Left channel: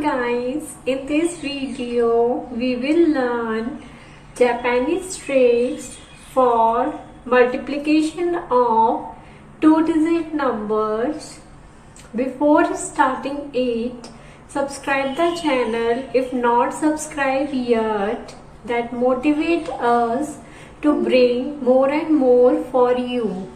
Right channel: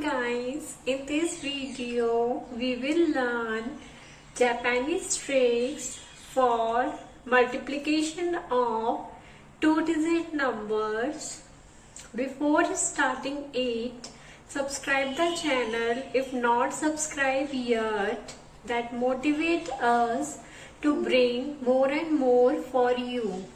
guys, in this video we will learn Japanese tricks for multiplication of two-digit numbers. Before starting it, subscribe the channel if not subscribed yet. That motivate us to bring more and more for you.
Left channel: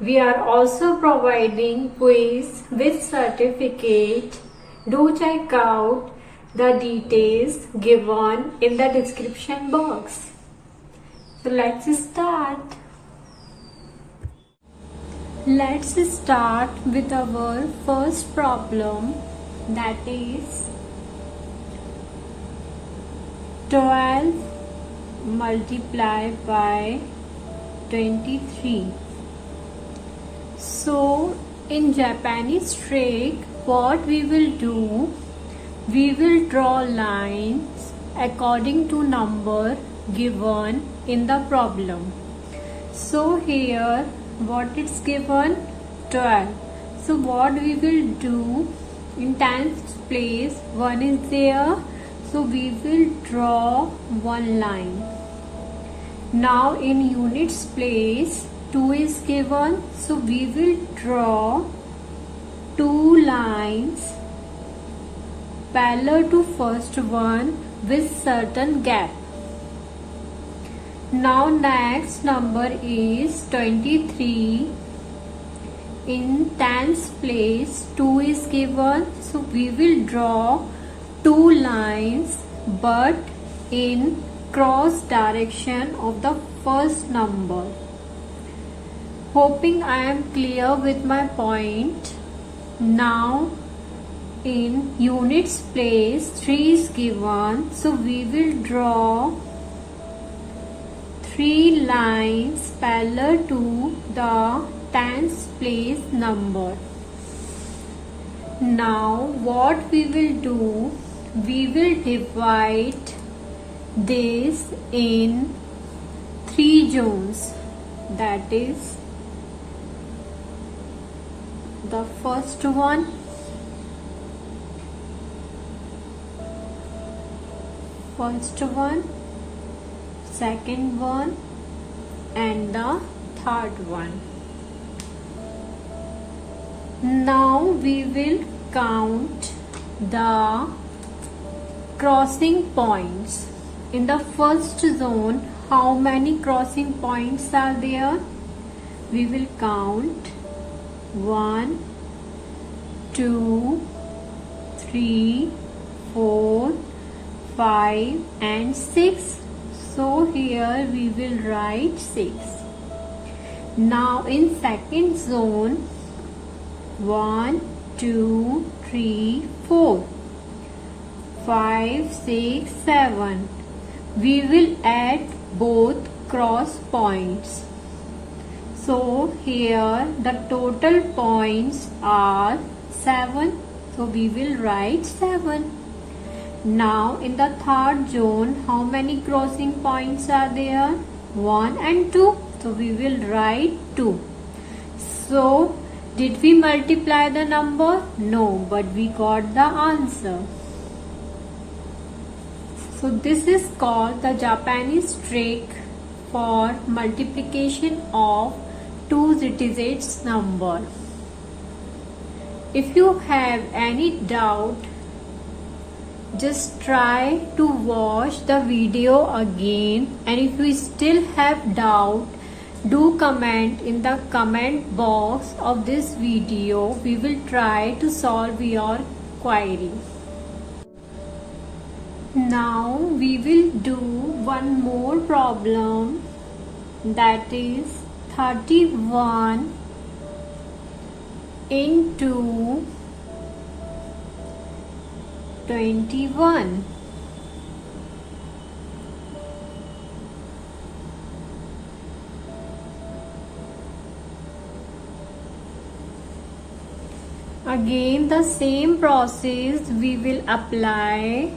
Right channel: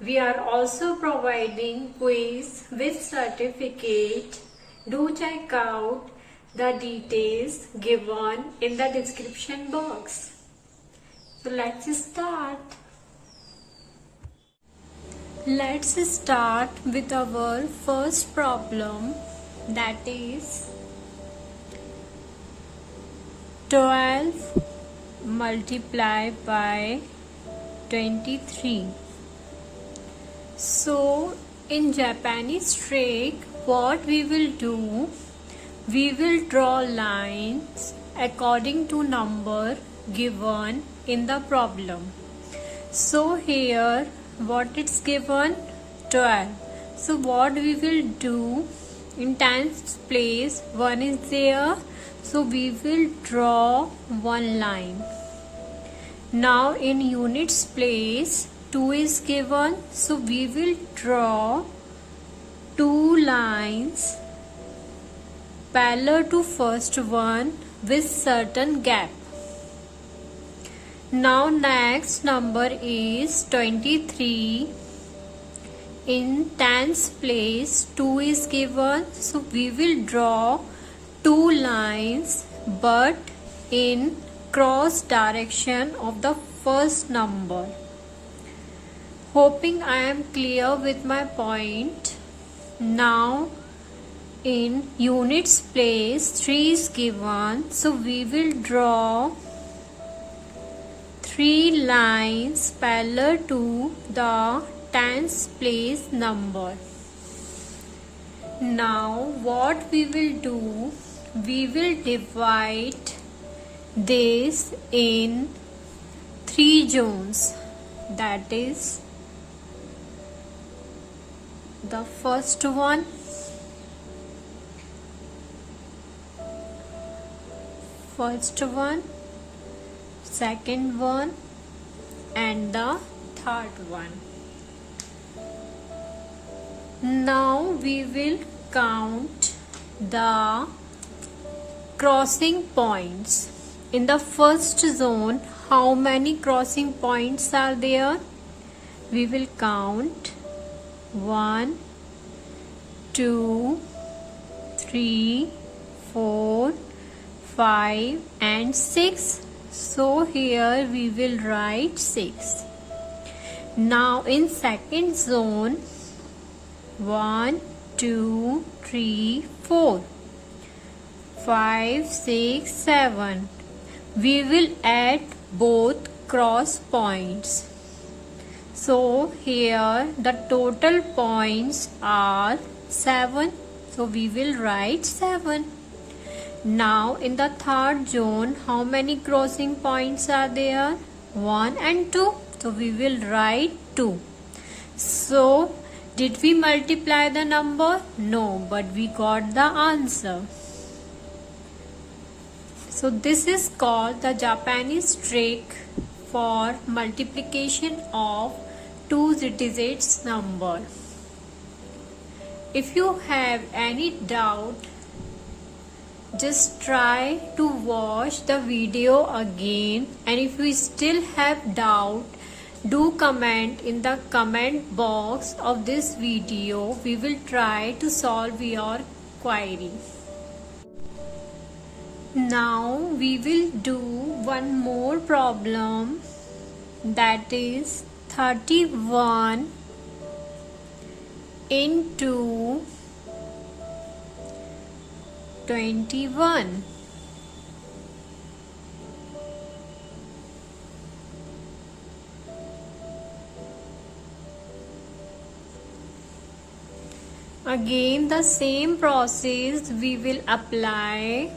We are also providing quiz with certificate. Do check out the details given in the description box. So let's start. Let's start with our first problem, that is 12 multiplied by 23. So in Japanese trick, what we will do, we will draw lines according to number given in the problem. So here what it's given, 12. So what we will do, in tens place 1 is there, so we will draw one line. Now in units place 2 is given, so we will draw two lines parallel to first one with certain gap. Now next number is 23. In tens place 2 is given, so we will draw two lines but in cross direction of the first number. Hoping I am clear with my point. Now in units place 3 is given, so we will draw three lines parallel to the tens place number. Now what we will do, we will divide this in three zones, that is the first one, second one and the third one. Now we will count the crossing points. In the first zone, how many crossing points are there? We will count 1, 2, 3, 4, 5 and 6. So here we will write 6. Now in second zone, 1, 2, 3, 4, 5, 6, 7. We will add both cross points. So here the total points are 7. So we will write 7. Now in the third zone, how many crossing points are there? 1 and 2. So we will write 2. So did we multiply the number? No, but we got the answer. So this is called the Japanese trick for multiplication of two-digit number. If you have any doubt, just try to watch the video again, and if you still have doubt, do comment in the comment box of this video. We will try to solve your query. Now we will do one more problem, that is 31 into 21. Again the same process we will apply.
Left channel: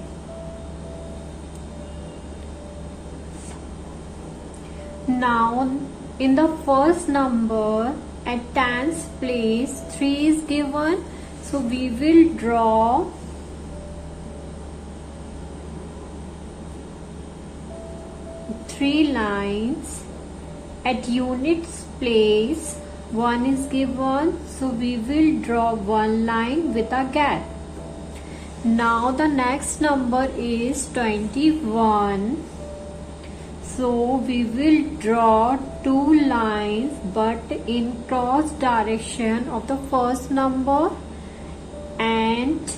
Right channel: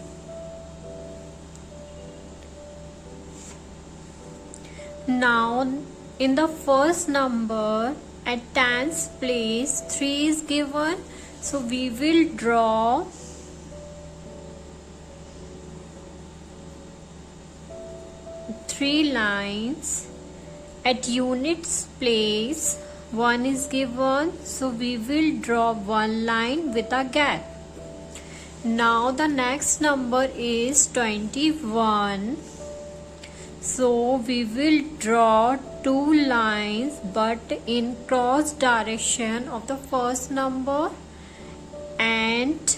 Now in the first number at tens place 3 is given, So we will draw three lines at units place. One is given, so we will draw one line with a gap. Now the next number is 21. So we will draw two lines but in cross direction of the first number, and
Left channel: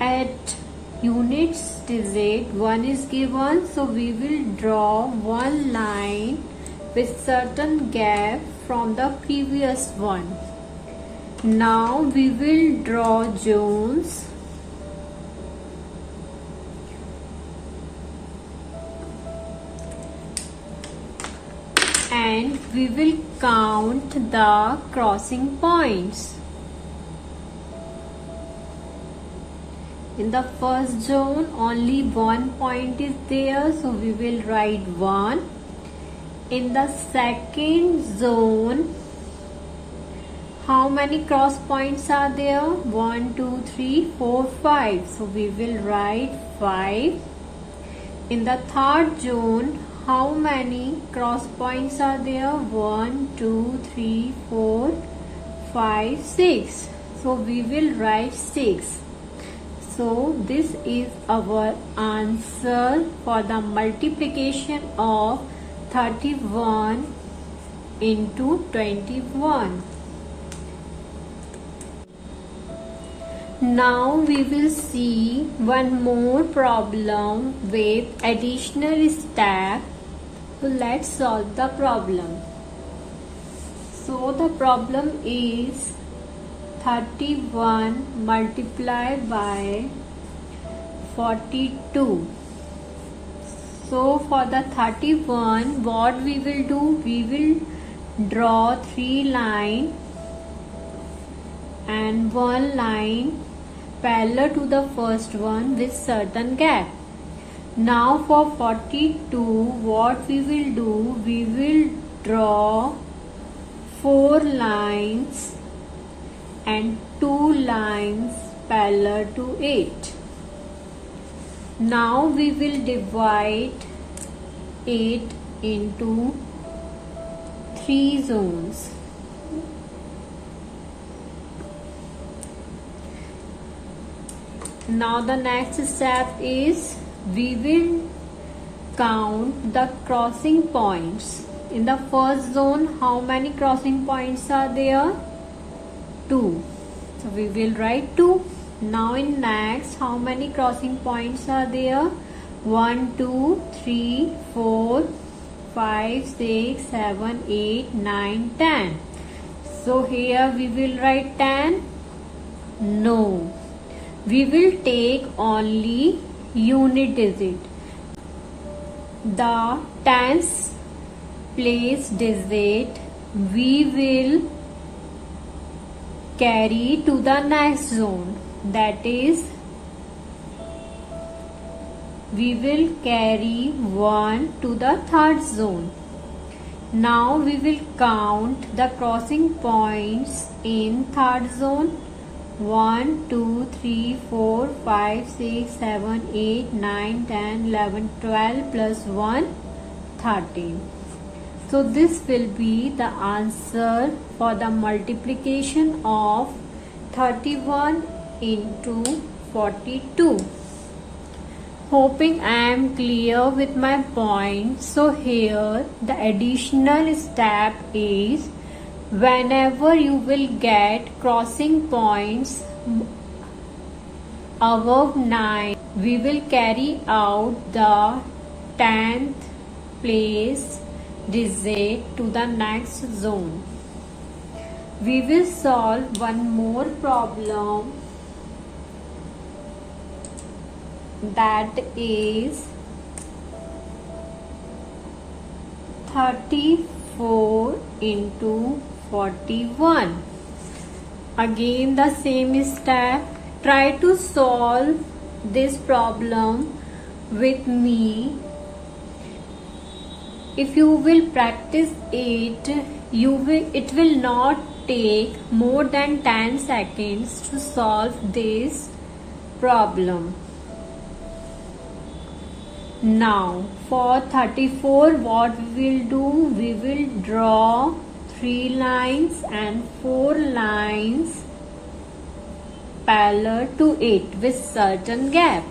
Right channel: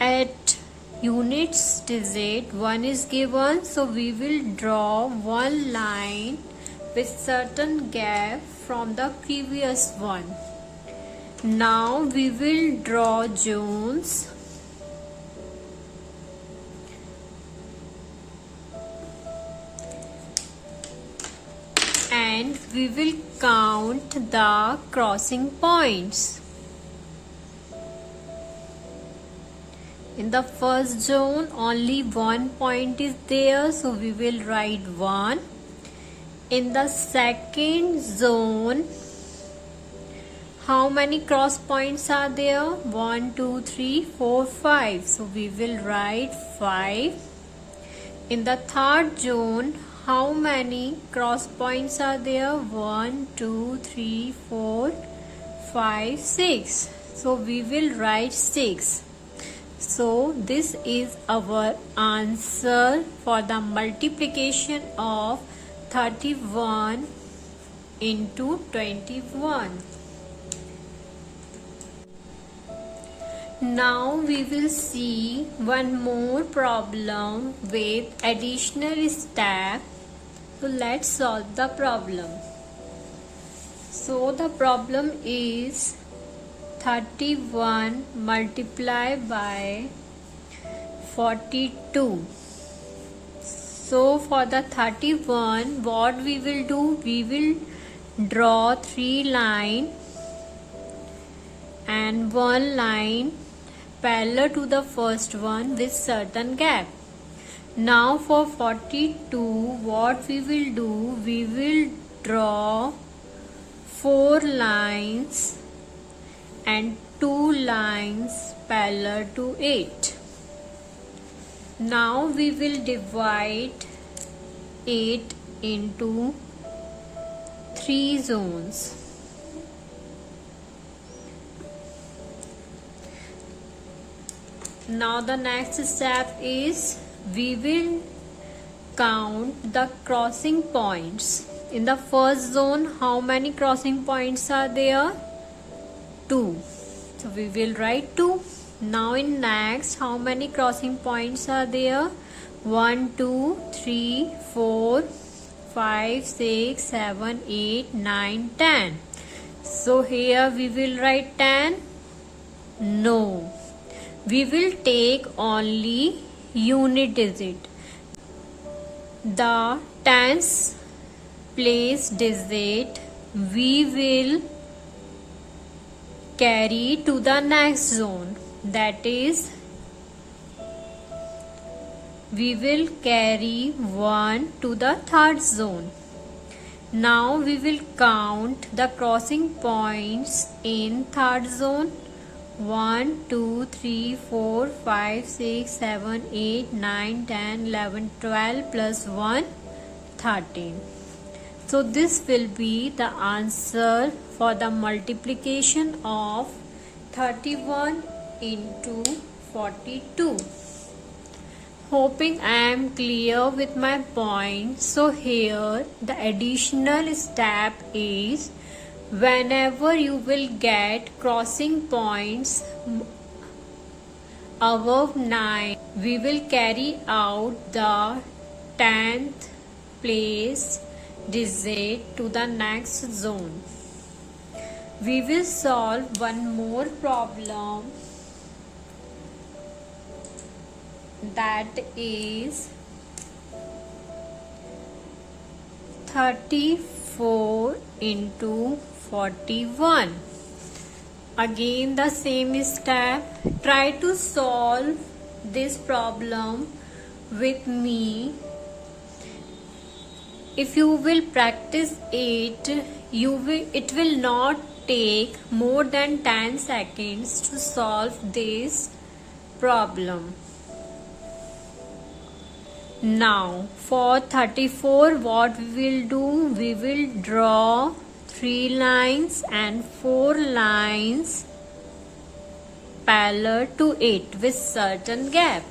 at units digit one is given, so we will draw one line with certain gap from the previous one. Now we will draw zones. And we will count the crossing points. In the first zone only one point is there, so we will write 1. In the second zone, how many cross points are there? 1, 2, 3, 4, 5. So we will write 5. In the third zone, how many cross points are there? 1, 2, 3, 4, 5, 6. So we will write 6. So this is our answer for the multiplication of 31 into 21. Now we will see one more problem with additional step. So let's solve the problem. So the problem is 31 multiplied by 42. So for the 31, what we will do? We will draw 3 lines and 1 line parallel to the first one with certain gap. Now for 42, what we will do? We will draw 4 lines and 2 lines parallel to it. Now we will divide it into 3 zones. Now the next step is we will count the crossing points. In the first zone, how many crossing points are there? 2. So we will write 2. Now in next, how many crossing points are there? 1, 2, 3, 4, 5, 6, 7, 8, 9, 10. So here we will write 10. No. We will take only unit digit. The tens place digit we will carry to the next zone. That is, we will carry 1 to the third zone. Now we will count the crossing points in third zone. 1, 2, 3, 4, 5, 6, 7, 8, 9, 10, 11, 12 plus 1, 13. So this will be the answer for the multiplication of 31 into 42. Hoping I am clear with my point. So here the additional step is whenever you will get crossing points above 9, we will carry out the 10th place digit to the next zone. We will solve one more problem, that is 34 into 41. Again the same step. Try to solve this problem with me. If you will practice it, it will not take more than 10 seconds to solve this problem. Now for 34, what we will do, we will draw 3 lines and 4 lines parallel to it with certain gap.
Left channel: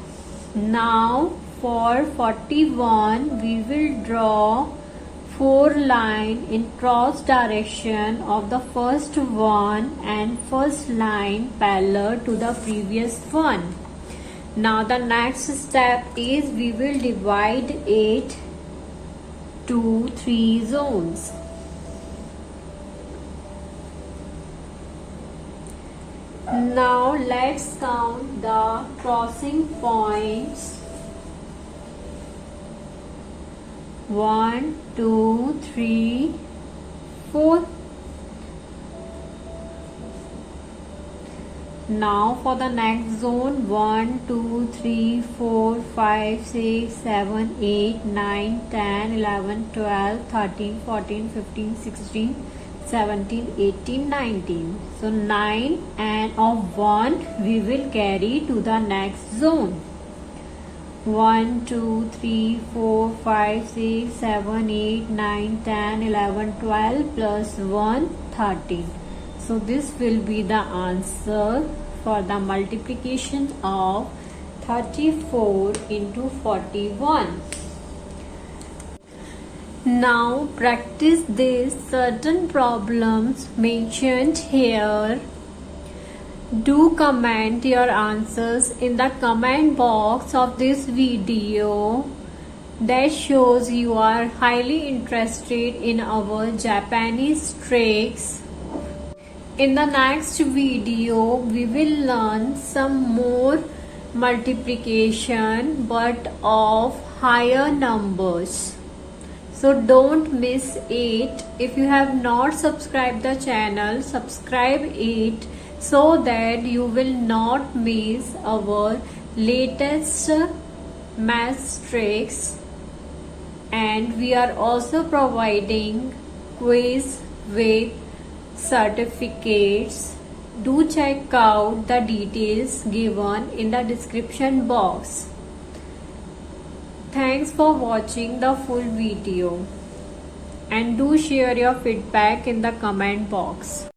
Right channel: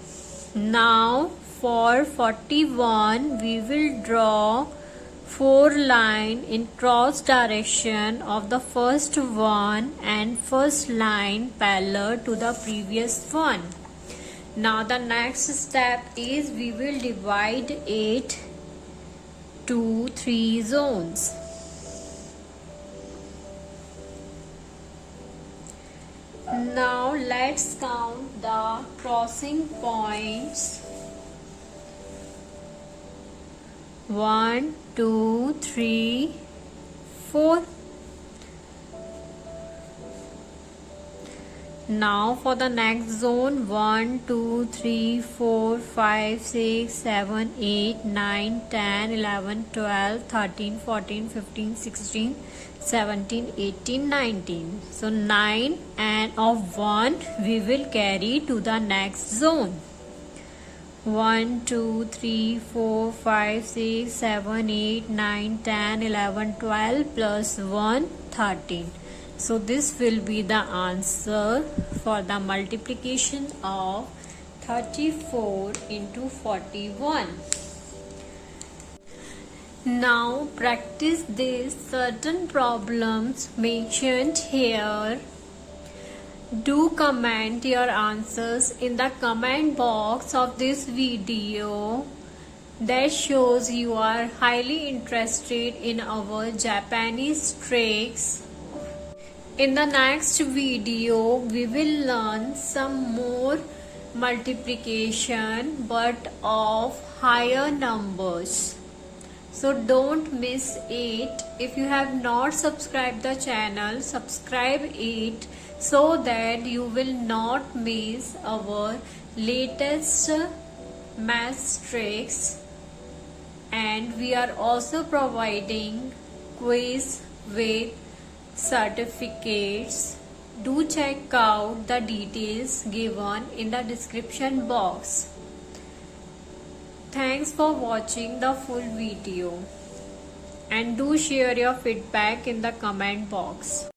Now for 41, we will draw 4 lines in cross direction of the first one and first line parallel to the previous one. Now the next step is we will divide it to 3 zones. Now let's count the crossing points. 1, 2, 3, 4. Now for the next zone, 1, 2, 3, 4, 5, 6, 7, 8, 9, 10, 11, 12, 13, 14, 15, 16, 17, 18, 19. So 9 and of 1 we will carry to the next zone. 1, 2, 3, 4, 5, 6, 7, 8, 9, 10, 11, 12 plus 1, 13. So this will be the answer for the multiplication of 34 into 41. Now practice these certain problems mentioned here. Do comment your answers in the comment box of this video. That shows you are highly interested in our Japanese tricks. In the next video, we will learn some more multiplication but of higher numbers. So don't miss it. If you have not subscribed the channel, subscribe it so that you will not miss our latest math tricks. And we are also providing quiz with certificates. Do check out the details given in the description box. Thanks for watching the full video and do share your feedback in the comment box.